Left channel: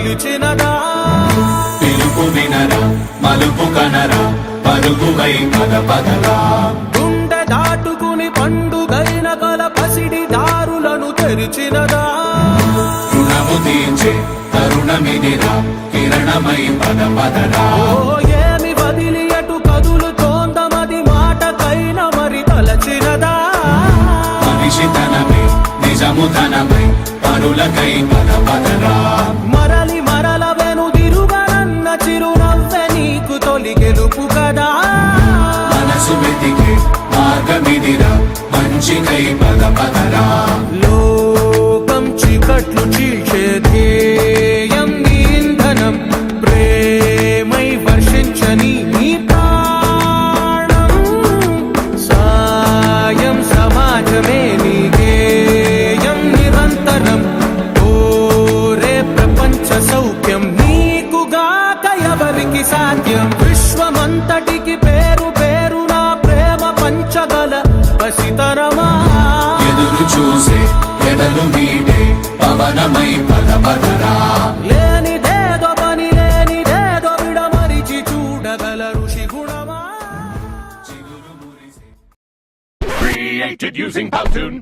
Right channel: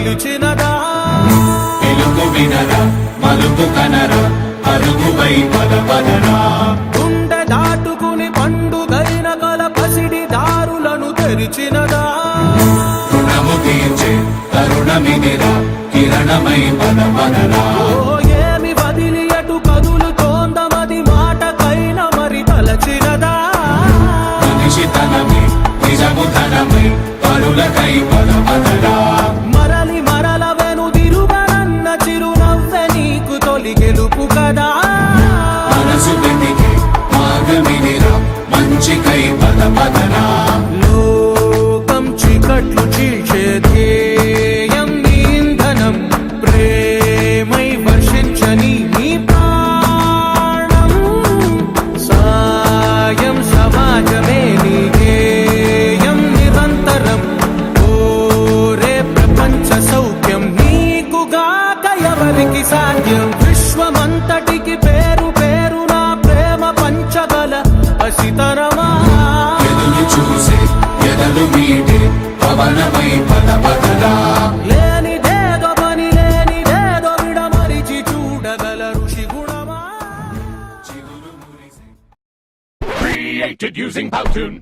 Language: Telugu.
పిలిచినదా పిలుపు వినరా మలుపు కనరా పరుగువై పద పదరా గుండె దాటుకుని పండుగైన కల పసిడి దారులను తెరిచినదా రుణము తీర్చే తరుణమిదిరా కిరణమై పద పదరా ఓ ఏమి వదిలి అటు కదులుతోందమది మాటకైన మరి తలచినదా మనిషితనమే నిజముతనమే పరులకై పద పదరా మరలి మరల వెనుదిరుగనన్న చిరునవ్వె నీకు తొలి గెలుపు కదా మనసు వెతికే మార్గమిదిరా మంచికై పద పదరా లోకం చీకట్లు చీల్చే ధ్యేయం నీ ఇంధనం ప్రేమై వర్షించని నీ ప్రాణం సాయం సమాజమే నీ గేయం నిరంతరం ఓరే ప్రపంచ సౌఖ్యం నీకుగాక ఎవరికి సాధ్యం విశ్వమంతటికి పేరు పేరు నా ప్రేమ పంచగల అసితరమా ఎదురు చూసే ఎదలు మీటే పవనమై పద పదరా లేనిదేదో పని లేనిదేదో విడమరిచి చూడగల ఋషి గుణమా Created using Powtoon.